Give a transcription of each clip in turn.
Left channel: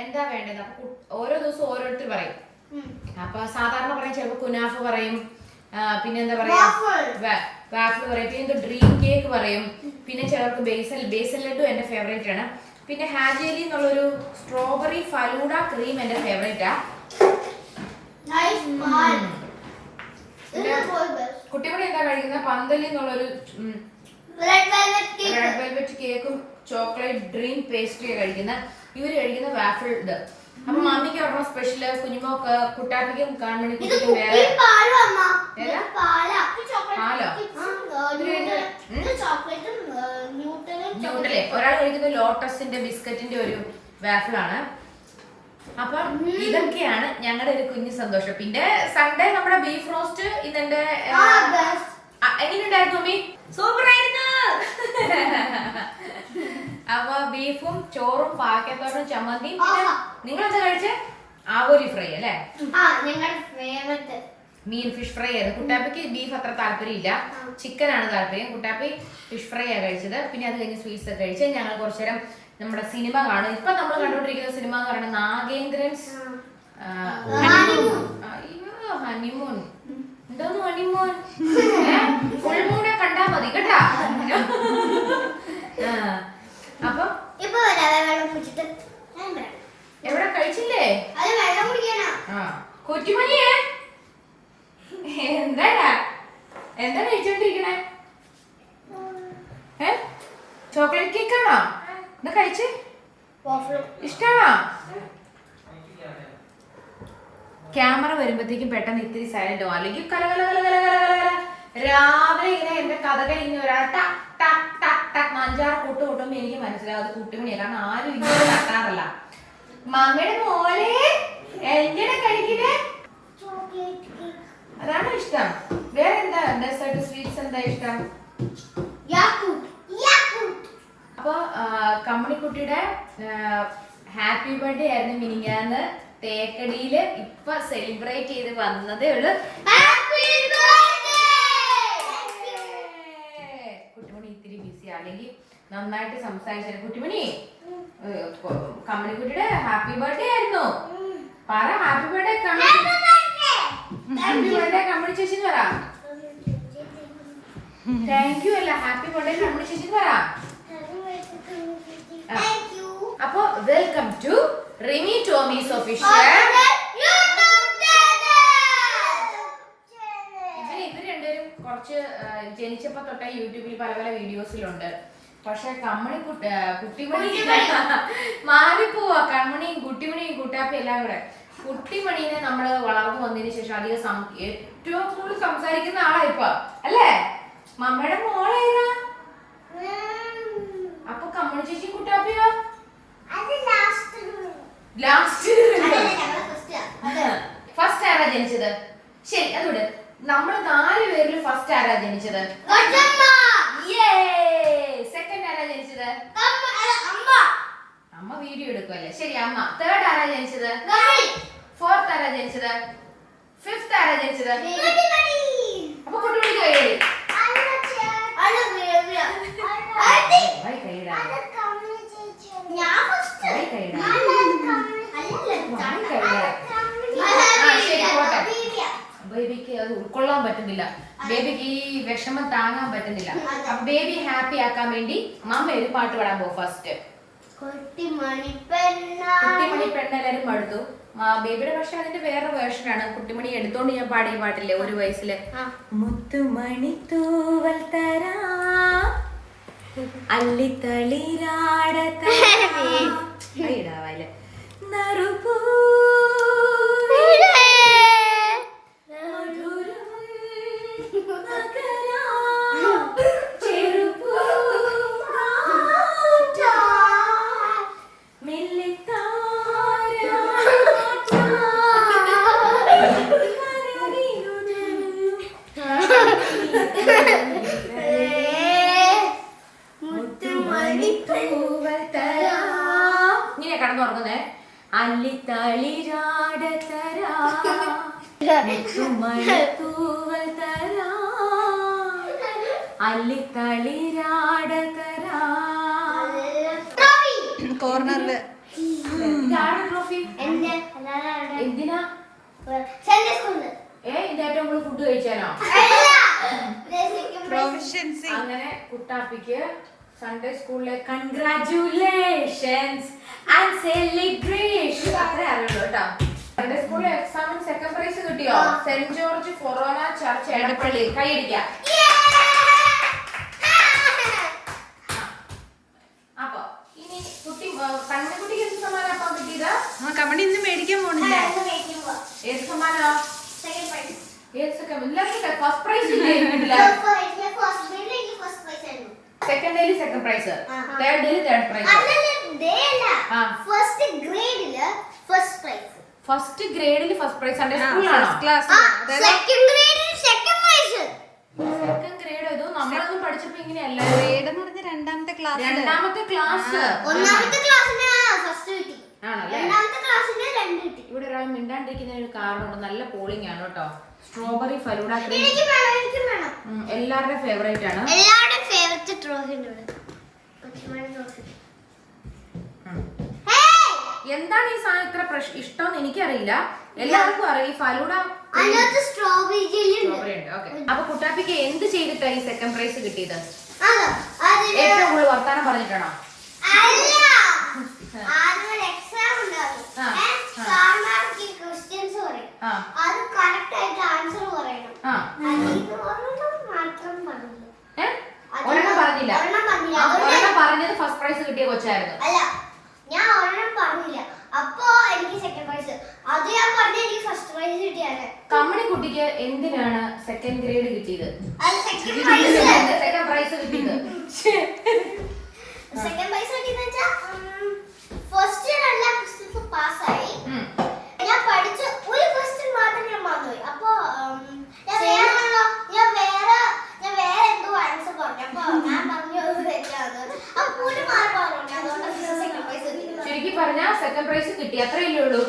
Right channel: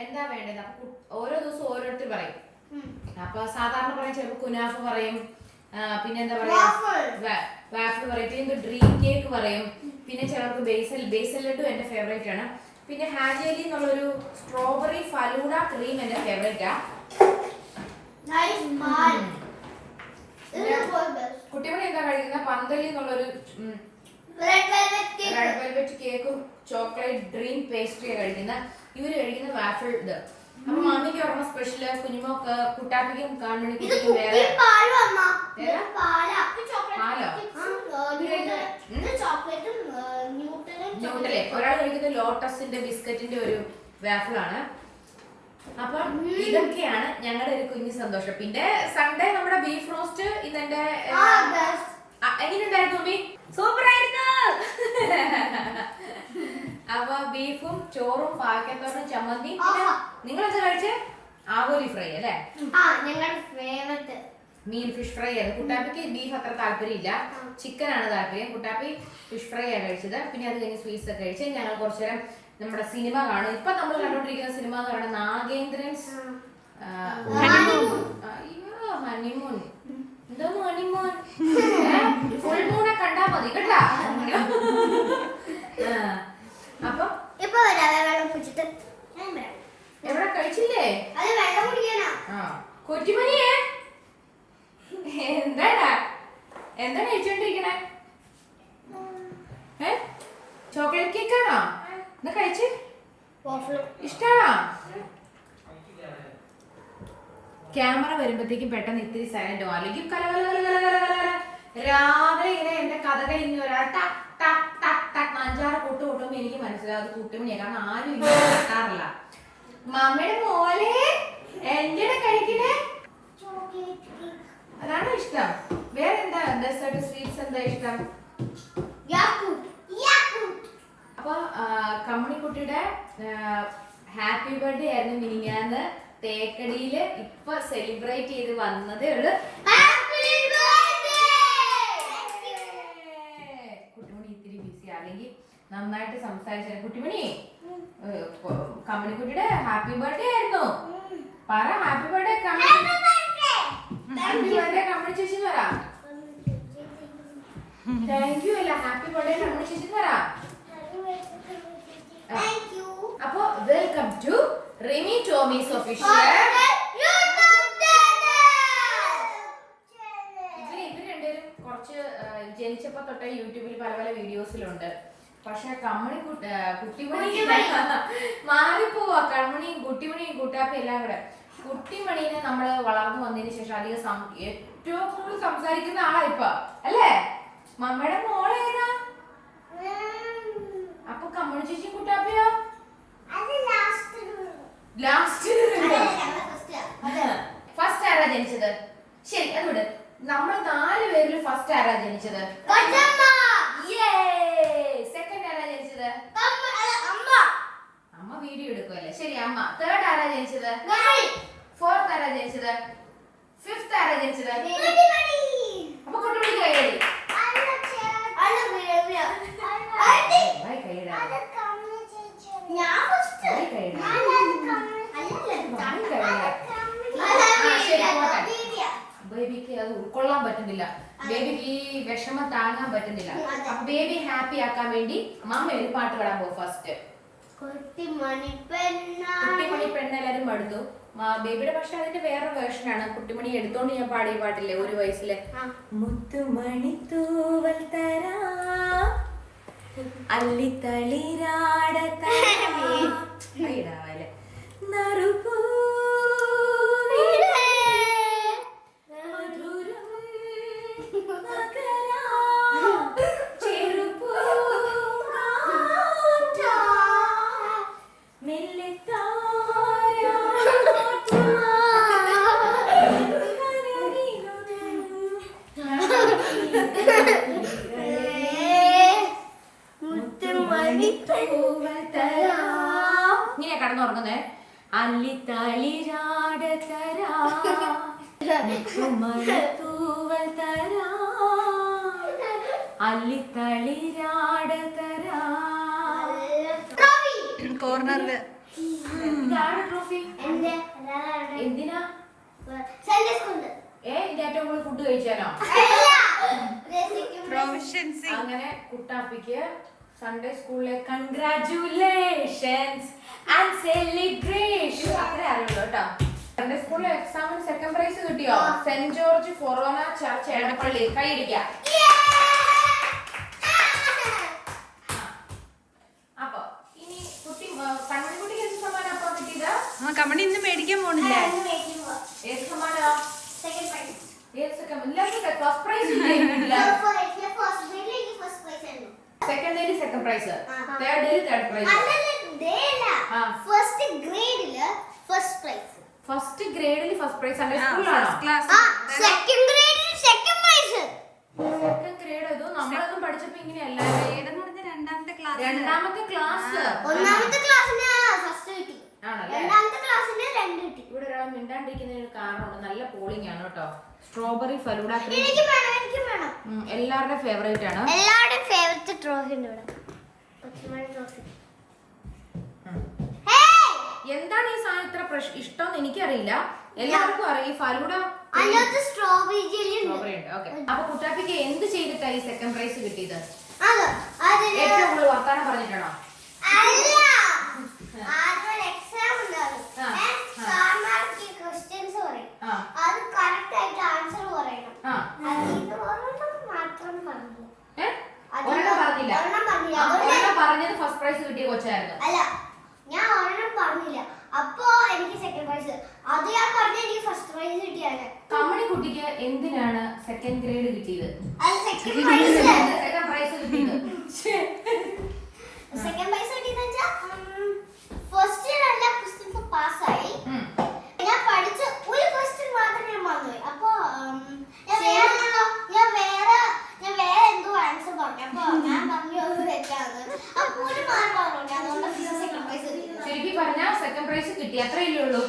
എന്താ വേണ്ടത്? അപ്പൊ ഓരോ ദിവസം ഓരോരുത്തർ പറയും. അപ്പൊ സാധാരണ പറയാൻ ചിലപ്പോ കുനാഫ് പറയും, പിന്നെ എന്താ പറയാ വാഫിൾ പറയും, പിന്നെ ഡ്രീം കേക്ക് പറയും, പിന്നെ ചിലർക്ക് ബേസൽ ലഡു എന്റെ ഫേവറേറ്റ് ആണ്, പിന്നെ ഹാജിലി എന്നുള്ളൊരു സ്ട്രോബെറി ഫലൂഡ ക്രീം എന്റെ ഫേവറേറ്റാ. കുട്ടികളെ എന്താ കഴിക്കുന്ന പന്തലി എന്നുള്ളൊരു റെഡ് വെൽവെറ്റ് കേക്കും ചോക്ലേറ്റ് ഡ്രീം പേസ്ട്രിയാ കഴിക്കുന്ന. ഇവര് കഴിക്കുന്ന വാഫിൾ ഇത്. അപ്പൊ മമ്മിക്ക് പറഞ്ഞ സ്പെഷ്യല്, കുഞ്ഞുമോക്ക് കുട്ടാപ്പിക്കും കാണുമ്പോ കുട്ടിക്കും വേറെ ന്യൂട്ടലെ ഒരാൾ കഴിക്കുന്നത് ലോട്ടസിന്റെ ബിസ്ക്കറ്റിന്റെ ഒരു വാഫിളാണ്. അപ്പൊ ഇതൊക്കെയാണ് ഞങ്ങളുടെ ഒരു കുഞ്ഞു സന്തോഷം. പിന്നെ സൺഡേ നമ്മുടെ ബീഫ് റോസ്റ്റ് ഇന്നെന്റെ എങ്ങനെയുണ്ടായിരുന്നു മമ്മി? സൂപ്പർ ആയിരുന്നു. അപ്പൊ ബീഫും ചോറും പാക്കത്തോട്ടും ചമ്മന്തി. നിങ്ങൾ എന്താ കഴിച്ച്? ആവോലി ഫ്രൈ അല്ലേ? മീൻ ഫിഷ് ഫ്രൈ ആയിരുന്നു. കുട്ടാപ്പിക്ക് ബീഫ് അത്ര താല്പര്യമില്ല, ചിക്കൻ ആണ് താല്പര്യം. കുട്ടാപ്പി ഫിഷ് ഫ്രൈ ആണ് കഴിച്ചത്. പിന്നെ അത് കഴിഞ്ഞ് സ്വീറ്റ്സ് ഒക്കെ കഴിച്ച് ഞങ്ങൾ കുറച്ചു നേരം നമ്മുടെ സിനിമ കാണും. ഇപ്പൊ നമ്മൾ കണ്ടുകൊണ്ടിരിക്കുന്ന സിനിമ എന്ന് പറയുന്നത് നാഗേന്ദ്രൻസ് ഹണിമൂൺ. എന്തോന്ന് ഹണിമൂൺ? ഫുൾ മൂണെ കണ്ടാ മതി കേട്ടാ. അപ്പൊ എവിടെ കഴിച്ചില്ലേ? കൊച്ചുമണിയേ എന്താടാ എന്താ കഴിച്ചോണ്ടിരിക്കണേ? ചോക്ലേറ്റ് കേക്കാണോ? എന്താ കഴിച്ച്? ഇഷ്ടാണോ? ക്യാമറ വരുമ്പോഴത്തേക്കും പെട്ടെന്ന് ഇത്തിരി സൈലന്റ് ആവും, അല്ലെങ്കിൽ രാവിലെ ഇങ്ങനെ എന്റെ കഥകൾ ഇങ്ങനെ ഒരാൾ ടക് ടക് ടക് ടക് 5-6 കൂട്ട് കൂട്ടുമ്പോ എനിക്ക് മനസ്സിലാവും അത് കുട്ടിമണിയാ. കാരണം ആരും ഇങ്ങനെ തട്ടാറില്ല. മമ്മയുടെ മോലെ എങ്ങനെ കഴിക്കുന്നേ? അതാണോ ഇഷ്ടം? വേറെ എന്താ ഡെസേർട്ട് സ്വീറ്റ്സ് എന്താ ഇഷ്ടം? അപ്പൊ കമ്മണിക്കുട്ടിയുടെ ഹാപ്പി ബർത്ത്ഡേ ആയിരുന്നു മിനിഞ്ഞാന്ന് തേക്കടിയില്. ഇപ്പൊ സെലിബ്രേറ്റ് ചെയ്ത് വന്നതേ ഉള്ളു. കുട്ടിമണി ഇത്തിരി ബിസി അല്ലെങ്കിൽ നന്നായിട്ട് സംസാരിച്ചു. കുട്ടിമണി കമ്മണിക്കുട്ടിയുടെ ഹാപ്പി ബർത്ത്ഡേ ആയിരുന്നു. പറ happy birthday happy birthday Kammani ചേച്ചി പറ. താങ്ക് യു അല്ല, ഹാപ്പി ബർത്ത്ഡേ കമ്മണി ചേച്ചി പറ. അപ്പൊ വെൽക്കം ടു റിമി ടോമീസ് ഒഫീഷ്യൽ. ഇവര് രണ്ടുപേരും കുറച്ച് ജനിച്ചപ്പോ തൊട്ടേ യൂട്യൂബിൽ പല പല വീഡിയോസിലുണ്ട്. പക്ഷെ കുട്ടിമണി മാറിപ്പോവാ. കൺമണിയും കുട്ടിമണിയും കുട്ടാപ്പി എല്ലാം കൂടെ. കുട്ടിമണീനെ നമ്മള് വളർന്നു വന്നതിന് ശേഷം അധികം ഏറ്റവും കൂടുതൽ സംസാരിക്കുന്ന ആളാ ഇപ്പൊ അല്ലേ? മമ്മയുടെ മോളേതാ? അപ്പൊ കമ്മണി ചേച്ചി കുട്ടാപ്പിയോ? ഫസ്റ്റ് ആരാ ജനിച്ചത്? ശരി അതുകൊണ്ട് നമ്മൾ 4 പേരിൽ ഫസ്റ്റ് ആരാ ജനിച്ചത്? സെക്കൻഡ് ആരാ ജനിച്ചത്? അമ്മ വീഡിയോ എടുക്കുമല്ലേ? ശരി അമ്മ. തേർഡ് ആരാ ജനിച്ചത്? ഫോർത്ത് ആരാ ജനിച്ചത്? ഫിഫ്ത് ആരാ ജനിച്ചത്? അപ്പൊ കുട്ടിമണിക്ക് കൈയടി. ബേബിക്ക് അത് ഉൾക്കൊള്ളാൻ പറ്റുന്നില്ല, ബേബിക്ക് ഈ വിഷമം താങ്ങാൻ പറ്റുന്നില്ല. അപ്പൊ ബേബി ഹാപ്പി ആക്കാൻ വേണ്ടി മമ്മ ഒരു പാട്ട് പാടാൻ പോകും. ഫസ്റ്റ് കുട്ടിമണി പെണ്ണ് എല്ലാരും പാടുത്തു. ബേബിയുടെ പക്ഷെ അതിന്റെ വേറെ വേർഷനാണ്. കുട്ടിമണി എടുത്തോണ്ട് ഞാൻ പാടിയ പാട്ടില്ലേ 1 വയസ്സിലെ? മുത്തുമണി തൂവൽ തരാ അള്ളിത്തളിരാടത്തയിടാവല്ലേ നറുപൂ മധുരം മുത്തുമണിപ്പൂവൽ തരാം അല്ലിത്തളിരാട തരാം. കോർണറില് ട്രോഫി എന്തിനാ? ഇതിന്റെ ഏറ്റവും കൂടുതൽ ഫുഡ് കഴിച്ചാനോ? അങ്ങനെ കുട്ടാപ്പിക്ക് സൺഡേ സ്കൂളിലെ കൺഗ്രാറ്റുലേഷൻസ് ആൻഡ് സെലിബ്രേഷൻ അത്രേ അറിയുള്ളൂ കേട്ടോ. സൺഡേ സ്കൂളിലെ എക്സാമിന് സെക്കൻഡ് പ്രൈസ് കിട്ടിയോ? Saint George forane church Edappally. കൈയടിക്കാം. അപ്പൊ ഇനി കുട്ടി കണ്ണിക്കുട്ടിക്ക് എന്ത് സമ്മാനം അപ്പൊ കിട്ടിയത്? കമണി ഇന്ന് മേടിക്കാൻ പോണില്ലേ? ഏത് സമ്മാനോ? ഫസ്റ്റ് പ്രൈസ് സെക്കൻഡ് ഡേയിൽ സെക്കൻഡ് പ്രൈസ്, തേർഡ് ഡേയിൽ തേർഡ് പ്രൈസ്. ഫസ്റ്റ് ഗ്രേഡില് ഫസ്റ്റ് പ്രൈസ്. ഫസ്റ്റ് ഗ്രേഡിൽ ഫസ്റ്റ് പ്രൈസ് സൺഡേ സ്കൂളിലാണോ? സെക്കൻഡ് ഗ്രേഡിൽ സെക്കൻഡ് പ്രൈസ്. സെക്കൻഡ് ഗ്രേഡ് ഏതോ നമ്മളൊന്നും പഠിച്ചപ്പോ ഇങ്ങനെയല്ല. ഗ്രേഡ് എന്ന് പറഞ്ഞ രണ്ടാമത്തെ ക്ലാസ്. രണ്ടാമത്തെ ക്ലാസ്. ഒന്നാമത്തെ ക്ലാസ്സിന് ഫസ്റ്റ് കിട്ടി. ആണല്ലേ? രണ്ടാമത്തെ ക്ലാസ്സിന് 2 കിട്ടി. ഇവിടെ ഒരാൾ മിണ്ടാണ്ടിരിക്കുന്ന ഒരു കാരണമുണ്ട്. നല്ല പോളിംഗ് ആണ് കേട്ടോ. സ്ട്രോബെറി ഫലൂഡ ക്രീം എല്ലാവരുടെയും ഫേവറേറ്റ് ആണ്. എല്ലാവരുടെയും ഫേവറേറ്റ് ട്രോഫി ഉണ്ട്. എന്താണ് ഈ സാധനം ഇത്ര ഇഷ്ടം എനിക്കറിയില്ല. എല്ലാവർക്കും അറിയാം ഈ ഫലൂഡ സ്ട്രോബെറി ഉണ്ട്. ഓക്കെ, അപ്പൊ കുട്ടാപ്പിക്ക് എന്ത് ചെയ്തിട്ടാ ഈ സെക്കൻഡ് പ്രൈസ് കിട്ടിയത്? ഏറ്റവും കൂടുതൽ വർത്താനം പറഞ്ഞിട്ടാണോ? പറഞ്ഞത് ഫസ്റ്റ് പ്രൈസ് കിട്ടിയ കൊച്ചായിരുന്നു. അല്ല, ഞാൻ ഒരെണ്ണം പറഞ്ഞില്ല. അപ്പൊ എനിക്ക് സെക്കൻഡ് പ്രൈസ്. അത് ഞാൻ പറഞ്ഞ എനിക്ക് ഫസ്റ്റ് പ്രൈസ് കിട്ടിയാണ്. കമ്മണി കുട്ടിക്ക് എന്തിനാണ് സെക്കൻഡ് ഗ്രേഡ് കിട്ടിയത്? സെക്കൻഡ് പ്രൈസ് കിട്ടിയത് സെക്കൻഡ് പ്രൈസ് കിട്ടിയെന്ന് വെച്ചാൽ ഫസ്റ്റ് എല്ലാ ക്വസ്റ്റ്യൻസും പാസ്സായി. ഞാൻ പഠിച്ച ഒരു ക്വസ്റ്റ്യൻ മാത്രം ഞാൻ മറന്നുപോയി. അപ്പൊ ഞാൻ വേറെ എന്തോ ആൻസർ പറഞ്ഞു. അപ്പൊ ഞാൻ പറഞ്ഞു തെറ്റാണ്. അപ്പൊ ഒരു മാർക്ക് പറഞ്ഞു. അതുകൊണ്ട് സെക്കൻഡ് പ്രൈസ് കിട്ടി. ശരിക്കും പറഞ്ഞാൽ സെക്കൻഡ് പ്രൈസ് കിട്ടി, അത്രയല്ലേ ഉള്ളൂ.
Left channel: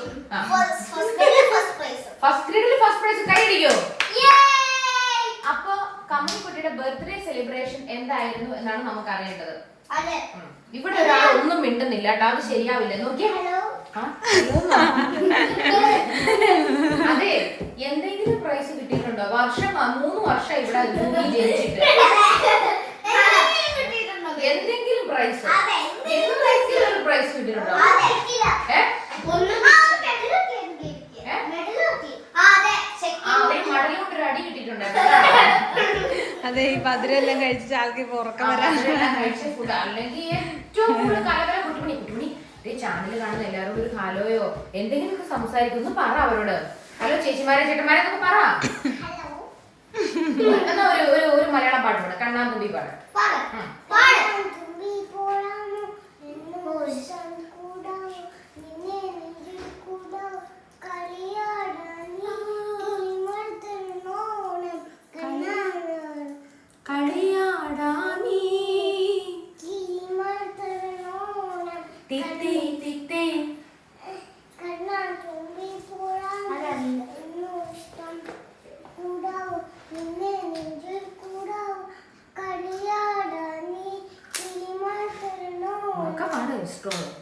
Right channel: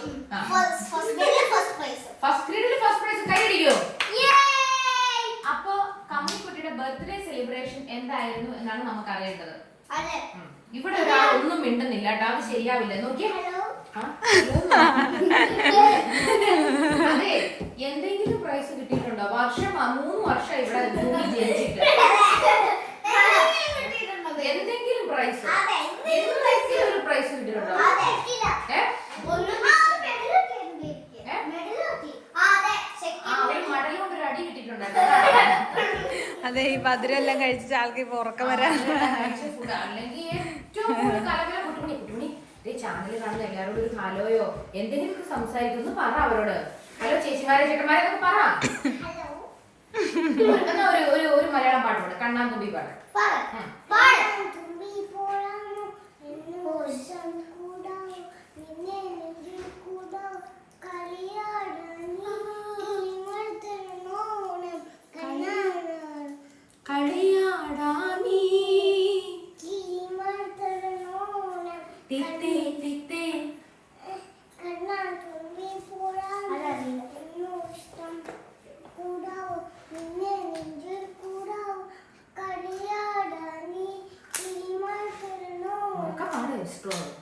ഫസ്റ്റ് ഗ്രേഡിൽ ഫസ്റ്റ് പ്രൈസ് കൈയടിക്കോ? അപ്പൊ കമ്മണിക്കുട്ടിയുടെ ബർത്ത്ഡേ സെലിബ്രേഷൻ എന്തായിരുന്നു എന്നാണ് നമുക്ക് അറിയേണ്ടത്. ഇവിടെ ഒരാൾ ഒന്നും മിണ്ടുന്നില്ല കേട്ടോ, അത് ശരിയാവില്ല. നോക്കിയേ, അതെ, എന്തെങ്കിലും പ്രൈസ് കിട്ടിയിട്ടുണ്ടോ? 3 വർഷം ഇവിടെ ജയിച്ചിട്ട് എന്തെങ്കിലും പ്രൈസ് ഒരു പ്രൈസ് കിട്ടിയിട്ടുണ്ടോ? മടലുകൊണ്ടൊരു അടി കിട്ടിയിട്ടുണ്ടോ? അതെ, ഈ മധുരെല്ലാം കഴിച്ചിട്ട് ആൾക്ക് ഉറക്കം വരാൻ. അല്ലെങ്കിൽ ഏറ്റവും കൂടുതൽ കലവര കുട്ടുമണി ചാനൽ കാണുന്ന എല്ലാവരോടും ഒരു ഹലോയോ എന്തെങ്കിലും സംസാരിക്കുന്നു പറ അവരോട്. ഹലോ ചേച്ചിമാരെ ചേട്ടന്മാരെ എന്നൊക്കെ പറ. എന്നാ ഒരു മലയാളം പാട്ട് പാട്, കണ്ണാന്തുമ്പി പാട്.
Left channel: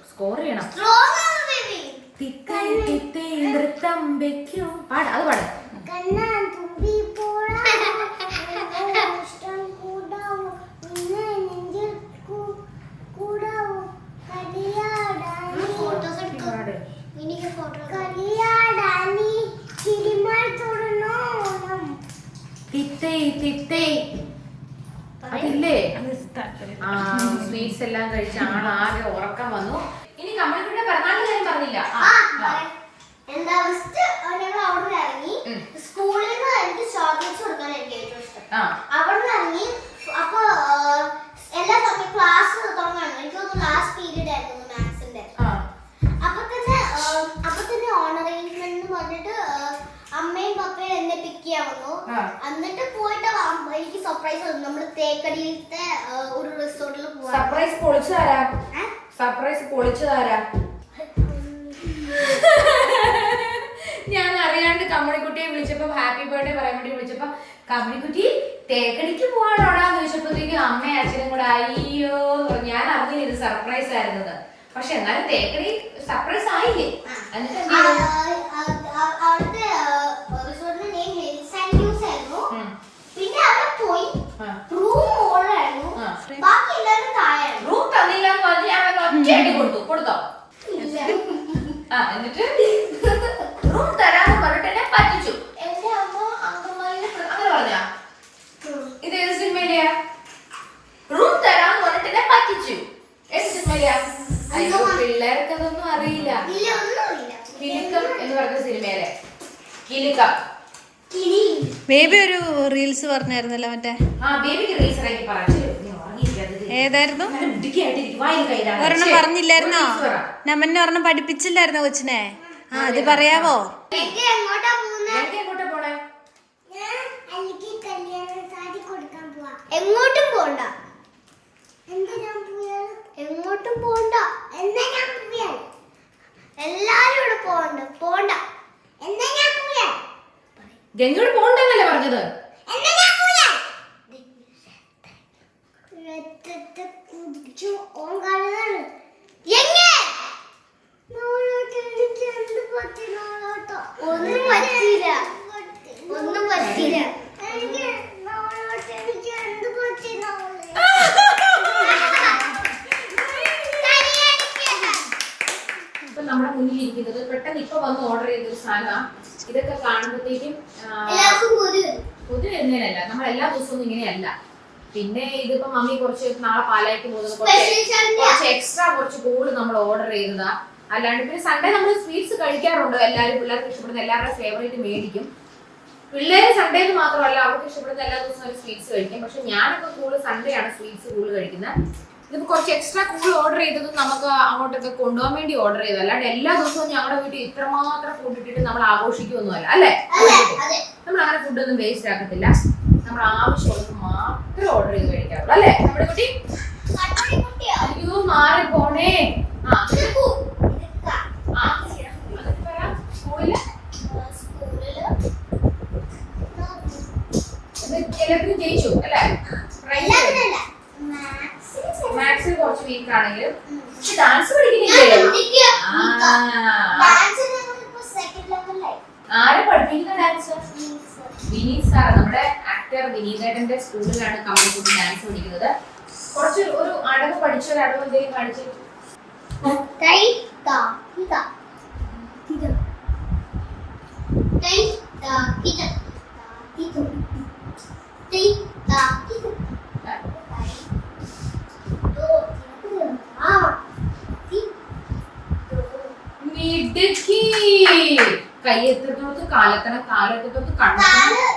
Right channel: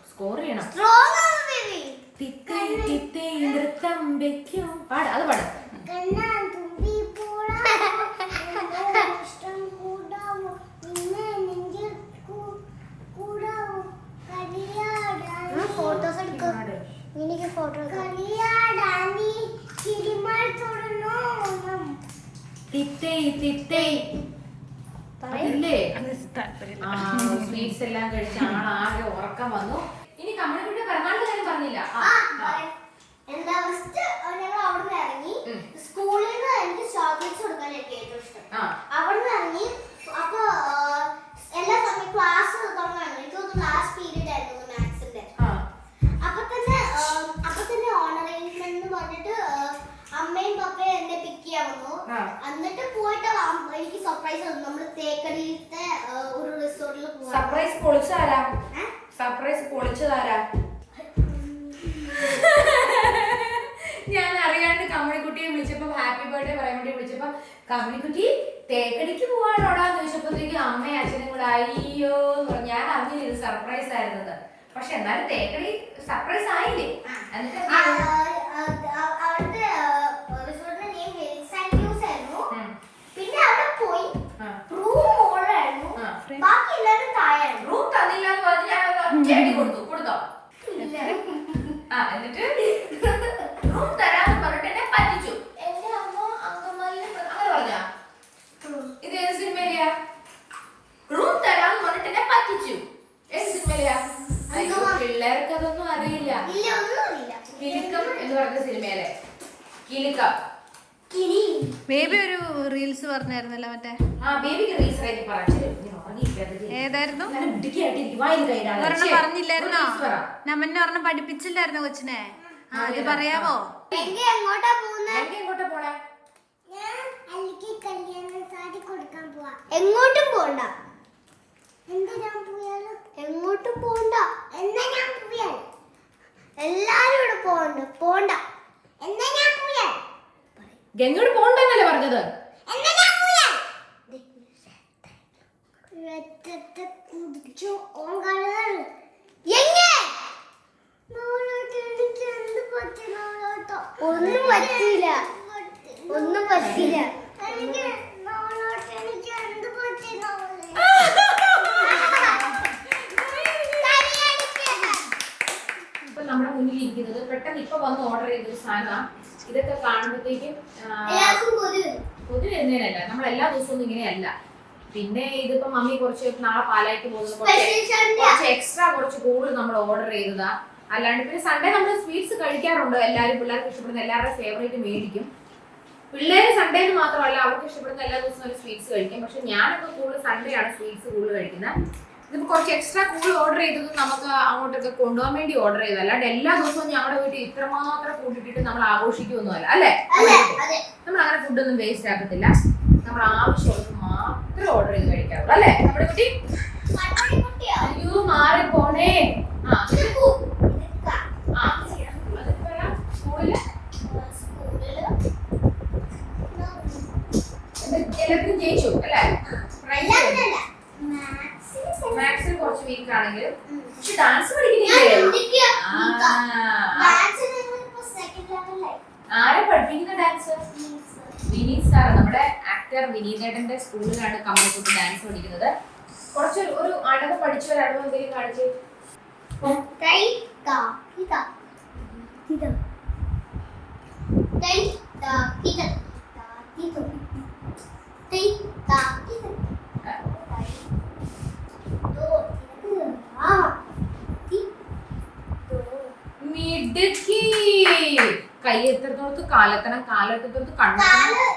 സ്കോർ ചെയ്യണം. നൃത്തം വെക്കും പാട്, അത് പാട്. അതില്ലേ സ്വീറ്റ്സ് എല്ലാം കഴിച്ച് ആളാകെ ഉറക്കം വന്നു. ഇനി കമ്മണിക്കുട്ടിയുടെ പിറന്നാളിന്റെ കാര്യം പറഞ്ഞില്ല. അവിടെ ഇറങ്ങി സ്കൂളിൽ നിന്ന് എനിക്ക് ചോക്ലേറ്റ്സ് കൊടുക്കാൻ എനിക്ക് ഏറ്റവും ഇഷ്ടം. അവിടെ നിന്ന് ഇറങ്ങി അപ്പൊ എല്ലാ സമയം ക്ലാസ് തുടങ്ങാണ്. എനിക്ക് തോന്നുന്നു ലാസ്റ്റ് പീരീഡ് ആയിരുന്നു മാത്സിന്റെ. അപ്പൊ തന്നെ ഓണറേജ്മെന്റ് എന്ന് പറഞ്ഞിട്ട് അമ്മയും പപ്പയും എന്നെ പിക്ക് ചെയ്യാൻ വന്നു. എന്നിട്ട് പോയിട്ട് എനിക്ക് സർപ്രൈസ് തന്നു. നമ്മള് തേക്കടിയിലത്തെ ഒരു റിസോർട്ടിൽ പോവാ. സർപ്രൈസ് പൊളിച്ചതാരാ? സർപ്രൈസ് പൊളിച്ചതാരാ? ഞാൻ അറിയാണ്ട് കമ്മണിക്കുട്ടിയെ വിളിച്ചപ്പോ ഹാപ്പി ബർത്ത്ഡേ പറയാൻ വേണ്ടി വിളിച്ചപ്പോ കമ്മണിക്കുട്ടി തേക്കടിക്ക് പോവാണോടാന്ന് ചോദിച്ചപ്പോഴത്തേക്കും അമ്മയും അച്ഛനും കൂടെ അയ്യോ എന്ന് പറഞ്ഞു. ഞാൻ അറിഞ്ഞില്ല ഇത് സർപ്രൈസ് ആയിരുന്നത്. പക്ഷെ എന്നാലും തേക്കടി സർപ്രൈസ് ആയില്ലേ? എന്നിട്ട് അവിടുത്തെ റിസോർട്ടിന്റെ നെയിം ഹിൽസ് ആൻഡ് വ്യൂസ് ആയിരുന്നു. പിന്നെ അവിടെ പോയി റൂം ഓർഡറായിരുന്നു, ബാക്കി എല്ലാവരും താഴെയായിരുന്നു. റൂം തന്നില്ല എന്ന് പറഞ്ഞ് ഞാൻ ഒറ്റയടി കൊടുത്തോ എന്നിട്ട് റൂം തരാന്ന് പറഞ്ഞിട്ട് എന്നെ പറ്റിച്ചു. എന്റെ അമ്മ അങ്കമാലിനെ അങ്ങനെ പറഞ്ഞാ ഇത് ഏത് സിനിമയിലെയാ? റൂം തരാന്ന് പറഞ്ഞിട്ട് എന്നെ പറ്റിച്ചു. ഏത് സിനിമയിലെയാ? അയ്യോ പിള്ളേർക്ക് അതൊന്നും അറിയില്ല. കിലുക്കം എന്ന് പറഞ്ഞ സിനിമയിലെ കിലുക്കം. ബേബി ഒരു റീൽസ് പറഞ്ഞായിരുന്നല്ലോ മറ്റേ. ബേബിക്ക് റീൽസ് ഇറക്കി പറഞ്ഞു. ഏതായിരുന്നു? ഒരെണ്ണം പറഞ്ഞില്ലായിരുന്നോ? നമ്മന്നെ ഒരെണ്ണം പഠിപ്പിച്ചില്ലായിരുന്നോ കൊച്ചിനെ? അത് പറയാവോ? എങ്ങോട്ടും പോണ്ട, എങ്ങോട്ടും പോണ്ട, എന്നാ ഞാൻ പോയാൽ എല്ലാരും ഇവിടെ പോണ്ട, എന്നാ ഞാൻ പോയാൽ ഗംഗോട് പോണ്ടെന്നല്ലേ പറഞ്ഞത്? എന്നാ ഞാൻ പോയാൽ കുടിച്ചു ഓൻ കാണുന്നത് എങ്ങനെ ഒന്നും പറ്റില്ല. ഇപ്പൊ നമ്മുടെ മുന്നിൽ ഇരിക്കുന്നത് പെട്ടെന്ന് ഇപ്പൊ വന്ന് ഓർഡർ ചെയ്തൊരു സാധനം. ഇതൊക്കെ കാണുമ്പോഴത്തേക്കും പൊതു വരുന്നതിനല്ല, നമ്മൾ എല്ലാ ദിവസവും ഇങ്ങനെയല്ല. പിന്നെ ഇതിപ്പോ മമ്മി കുറച്ച് നാളെ പാലായിക്ക് പോകുന്നത് കുറച്ച് എക്സ്ട്രാ കുറച്ച് കൂടുതൽ നമ്മൾ ഓർഡർ ചെയ്തതാ. അല്ലാണ്ട് പിന്നെ സൺഡേ നമ്മൾ സ്വീറ്റ്സ് കഴിക്കാറുണ്ട്. എല്ലാവരും പിള്ളേർക്ക് ഇഷ്ടപ്പെടുന്ന എല്ലാവരുടെ ഫേവറേറ്റ് മേടിക്കും. പിള്ളേര് സൺഡേന്ന് മാത്രമല്ല, അവർക്ക് ഇഷ്ടപ്പെടുന്ന എല്ലാ ദിവസവും അവർ സ്വീറ്റ്സ് കഴിക്കും. പക്ഷെ ഞാനൊക്കെ കൂടുതൽ സൺഡേ ആണ് സ്വീറ്റ്സ് കൂടുതൽ കഴിക്കുന്നത്. ഇതിപ്പോ കുറച്ച് എക്സ്ട്രാ കൂടുതൽ ഓർഡർ ചെയ്തത് നമുക്ക് അങ്ങോട്ടൊക്കെ കൊണ്ടുപോകാൻ വേണ്ടി ഓർഡർ ചെയ്തത്. അല്ലാണ്ട് എല്ലാ ദിവസവും ഞങ്ങളുടെ വീട്ടിൽ ഇത്രമാത്രം ഫുഡ് ഇട്ടിട്ട് നമ്മൾ ആഘോഷിക്കുമൊന്നുമല്ല അല്ലേ? നമ്മൾ അങ്ങനെ ഫുഡൊന്നും വേസ്റ്റ് ആക്കത്തില്ല. നമ്മൾ ആവശ്യമുള്ളത് മാത്രം ഓർഡർ ചെയ്ത് കഴിക്കാറുള്ളൂ അല്ലേ നമ്മുടെ കുട്ടി? അയ്യോ മാറി പോണേ. എല്ലാത്തിനും ജയിച്ചു അല്ലേ? മാത്സിൽ കുറച്ച് വീക്ക് ആണെങ്കിലും ഡാൻസ് പഠിക്കുന്നില്ലേ? ആരെ പഠിപ്പിക്കുന്ന ഡാൻസ്? വിനീത് സാർ, നമ്മുടെ ആക്ടർ വിനീതേട്ടന്റെ സ്കൂളിലാണ് കമ്മണിക്കുട്ടി ഡാൻസ് പഠിക്കുന്നത്. കുറച്ച് ഒരു അടവ് പഠിച്ച ഒരു അടവ് എന്തെങ്കിലും കാണിച്ച്. കയ്യെത്തോട്ട് കാലെത്തണം, കാലെത്തോട്ട് കണ്ണെത്തണം.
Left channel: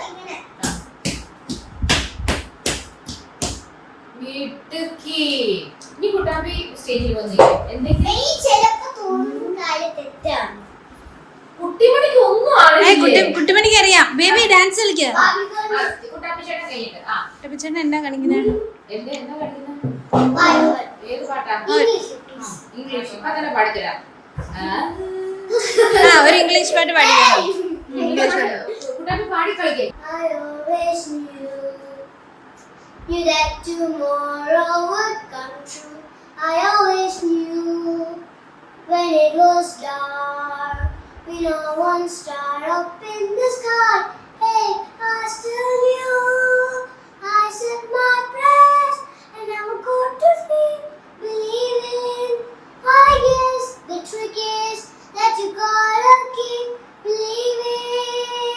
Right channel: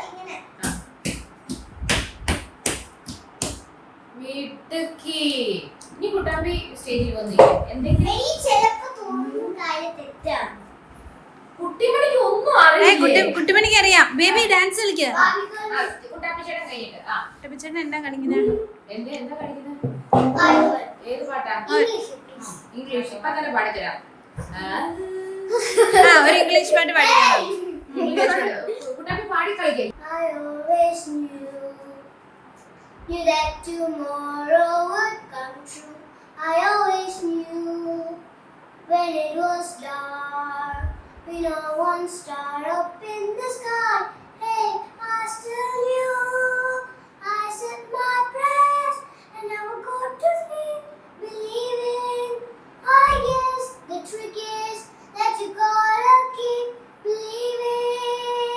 വീട്ടിക്ക് ഇനി കുട്ടാമ്പി സ്റ്റേജിൽ വന്നില്ലേ എന്തെങ്കിലും കുട്ടിമണിക്ക് ഒന്നും അറിയില്ല. കുട്ടിമണിക്ക് അറിയാം. ബേബി ഡാൻസ് കളിക്കുക. കുട്ടാപ്പി ചേട്ടൻ കഴിഞ്ഞിട്ട് കുട്ടാപ്പി ചേട്ടൻ എന്താ കളിക്കുന്നത്? എന്താ കളിക്കുന്നത്? ഏത് പാട്ടാ? ഇംഗ്ലീഷ്. അങ്ങനെ പാടിത്തരാം. ഒരു ഇംഗ്ലീഷ് പാട്ട് പാടിക്കണം. ഇംഗ്ലീഷ് പാട്ട് കുട്ടാപ്പി പാടി കളിക്കേ. Knew that tomorrow would come true. I always knew when it was dark, we know one star up in the sky. Hey, I still knew. I said my prayers and I would go to sleep believing. I guess the trick is that you gotta keep believing.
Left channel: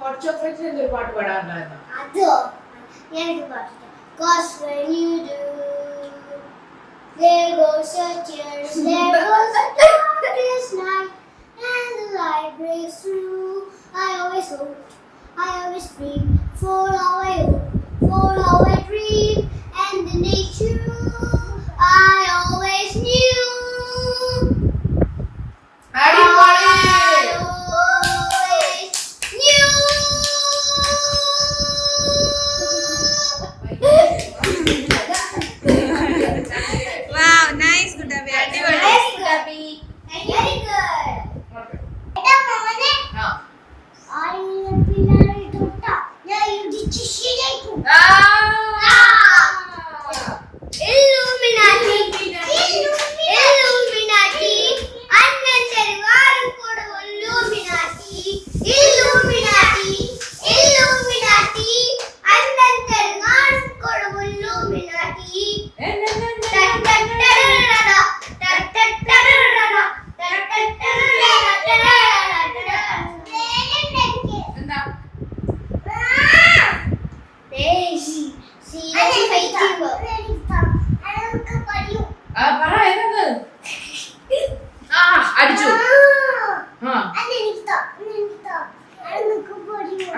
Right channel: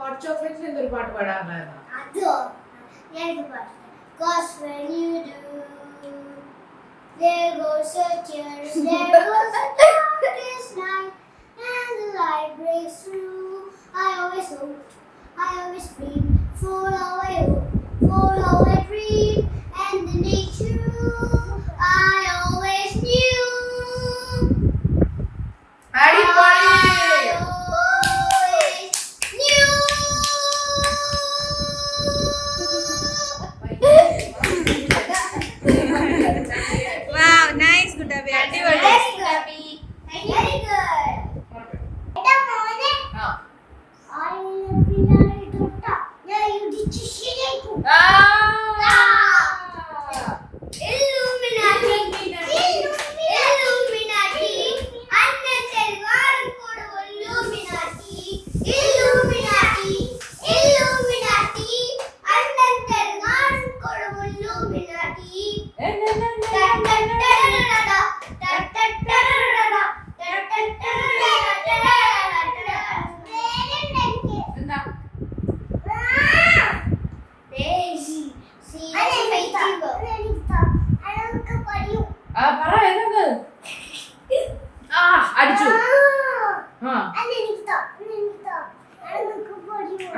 Hot chocolate എന്തൊരു പാട്ട് പാടാറുണ്ടായിരുന്നു? അതോ cause when you do, there goes a tear, there goes a darkest night, and the light breaks through. I always hoped, I always dreamed, for all I hoped, for all I dreamed, and the nature I always knew. I always knew. Wow, nice, Kuttapi. Very good. Very good.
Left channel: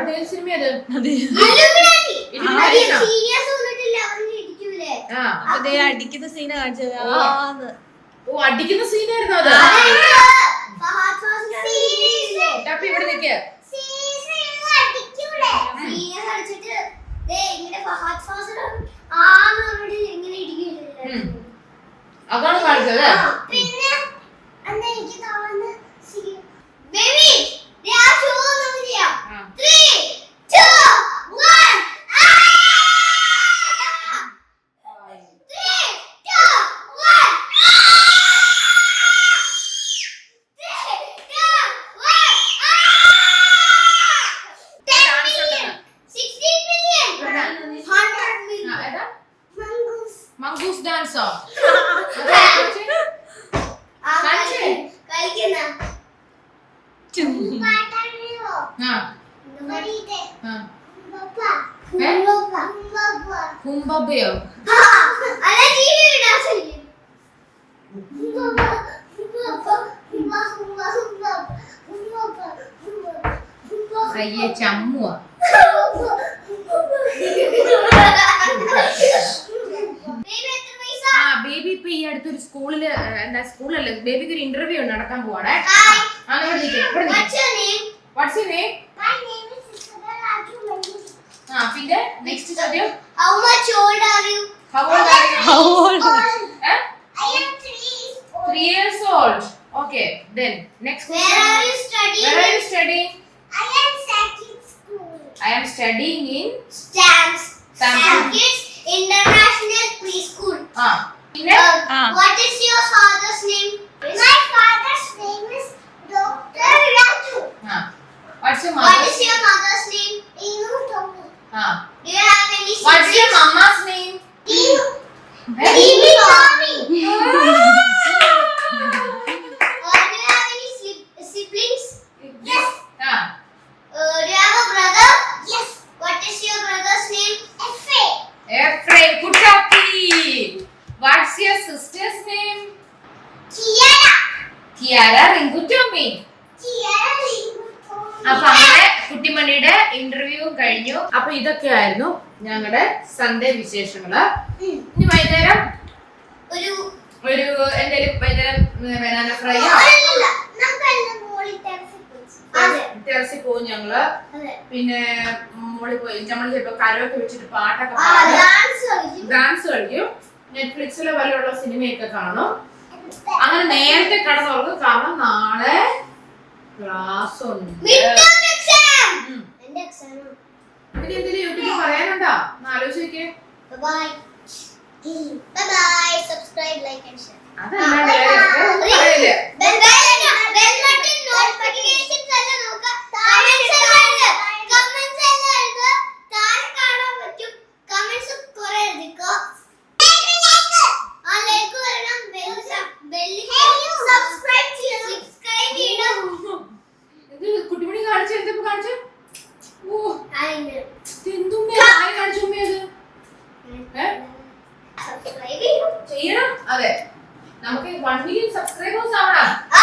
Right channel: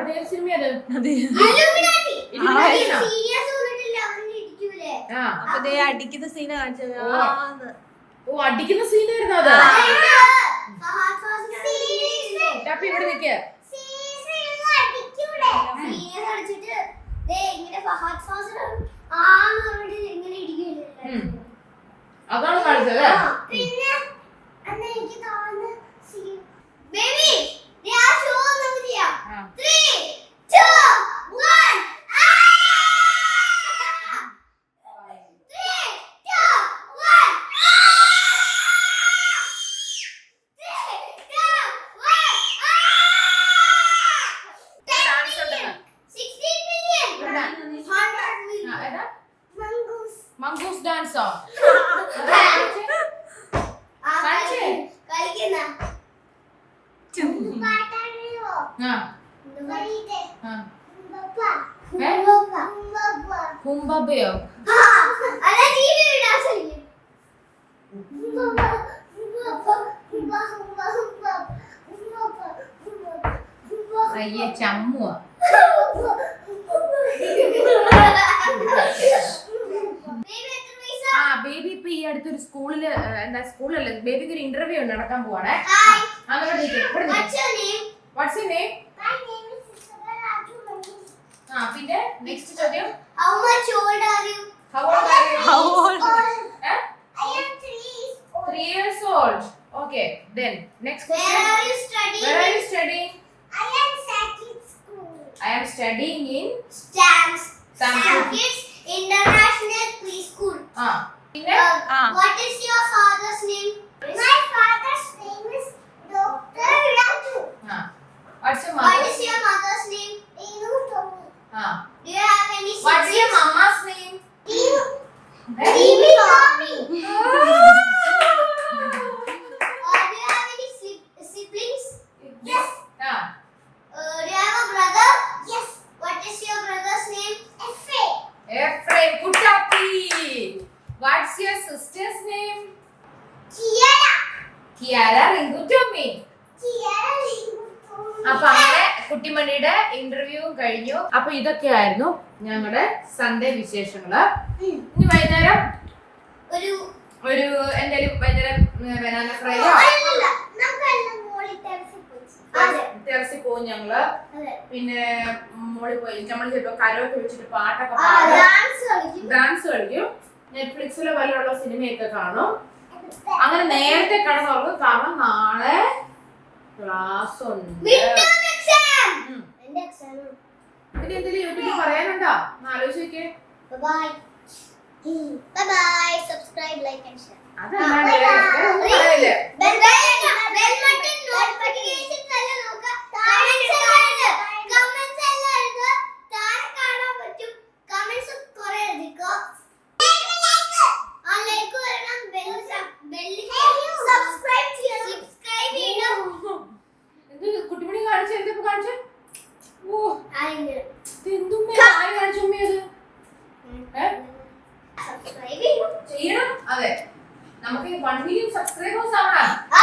അതേ സിനിമയത് Illuminati. ഇലുമിനാറ്റിയാണോ? Serious വന്നിട്ടില്ല, അവര് ഇരിക്കൂലേ? ആ അപ്പൊ ദേ അടിക്കുന്ന സീന കാണിച്ചത് ഓ അടിക്കുന്ന സീനായിരുന്നു അത് Fahad Fazil series. ടപ്പി ഇവിടെ നിൽക്കുക Series ഇരുന്ന് അടിക്കൂലേ? Serious അടിച്ചിട്ട് ദേ ഇങ്ങനെ ഫഹദ് ഫാസിൽ ആന്ന് പറഞ്ഞിട്ട് ഇങ്ങനെ ഇടിക്കില്ലേ? അതാണ് കാണിച്ചത് പിന്നെ അന്ന് എനിക്ക് തോന്നുന്നു ബേബി ഞാൻ ഷോ നമുക്ക് ചെയ്യാം 3 2 1 മംഗൂസ് ഡാൻസോ കളിക്കുന്ന ഹുംബബയോ അയ്യേ ചമ്മുവാ ആ ബേബി ഇപ്പൊ ഈ അടുത്തൊരു സ്കൂളില് എന്താ സ്കൂളല്ലേ ബേബിക്ക് ഒരു ഇന്റർവ്യൂ നടക്കാൻ പോവാണേ വാട്ട്സ് യുവർ നെയിം ആ പിന്നെ നെക്സ്റ്റ് ചോദ്യം How much old are you? How old are you? How old? Eh? I am 3 years old. 3 years old. Okay, then next Where question. are you studying? Where are you studying? I am studying school. I am studying in Stamps. Stanford. Kids International Preschool. പിന്നെ What is your father's name? My father's name is Dr. Raju. what's your What mother's is your mother's name? Inu Tommy. Do you have any siblings? What's your mama's name? Inu. Eh? Inu Tommy. Or do you have any siblings? Yes. Do you have a brother? Yes. What is your brother's name? Efraim. Efraim Kutapi. What's your sister's name? Kiara. Kiara Ringutomi. Kiara Ringutomi. അപ്പൊ അങ്ങനെ കുട്ടിമണിയുടെ interview കഴിഞ്ഞു. അപ്പൊ ഇതൊക്കെയായിരുന്നു ഞങ്ങളുടെ Sunday വിശേഷങ്ങള്. ഇനി വൈകുന്നേരം ഒരു എന്തെങ്കിലും വൈകുന്നേരം ബനാന ഫ്രൈയോ ടെറസിൽ പോകും ഞങ്ങള്. പിന്നെ മോളിൽ പോയി നമ്മൾ ചിലപ്പോ കരോക്കെ വെച്ചിട്ട് പാട്ടൊക്കെ പാടും, ഡാൻസ് കളിക്കും, നെറ്റ്ഫ്ലിക്സിലെ പോലെയുള്ള സിനിമയൊക്കെ കാണും. അങ്ങനെ നേരത്തെ കിടന്നുറങ്ങും, കാരണം നാളെ ക്ലാസ് ഉണ്ട്. പിന്നെ എന്തെങ്കിലും യൂട്യൂബിൽ പറയാനുണ്ടോ എന്ന് ആലോചിക്കേ. Bye bye. Subscribe, like and share. അതല്ല പറയല്ലേ Bell button notifications എല്ലാം നോക്കുക. Comments എല്ലാം എഴുതുക. താഴെ കാണാൻ പറ്റും. Comments കുറേ എഴുതിക്കോ. ആ ലൈക്ക് വരണം. സബ്സ്ക്രൈബ് ചെയ്യണം. ഇത് കുട്ടിമണി കാണിച്ചു എന്തപ്പോ കാണിച്ചു? ഓ ആയിരം എന്തുമ്മേ ആയി കാണിച്ചുമ്മേ അത് സബ്സ്ക്രൈബ് ചെയ്യണം. ചെയ്യണം. അതെ നമുക്ക് 1 million സബ്സ്ക്രൈബേഴ്സ് ആവണം. ആ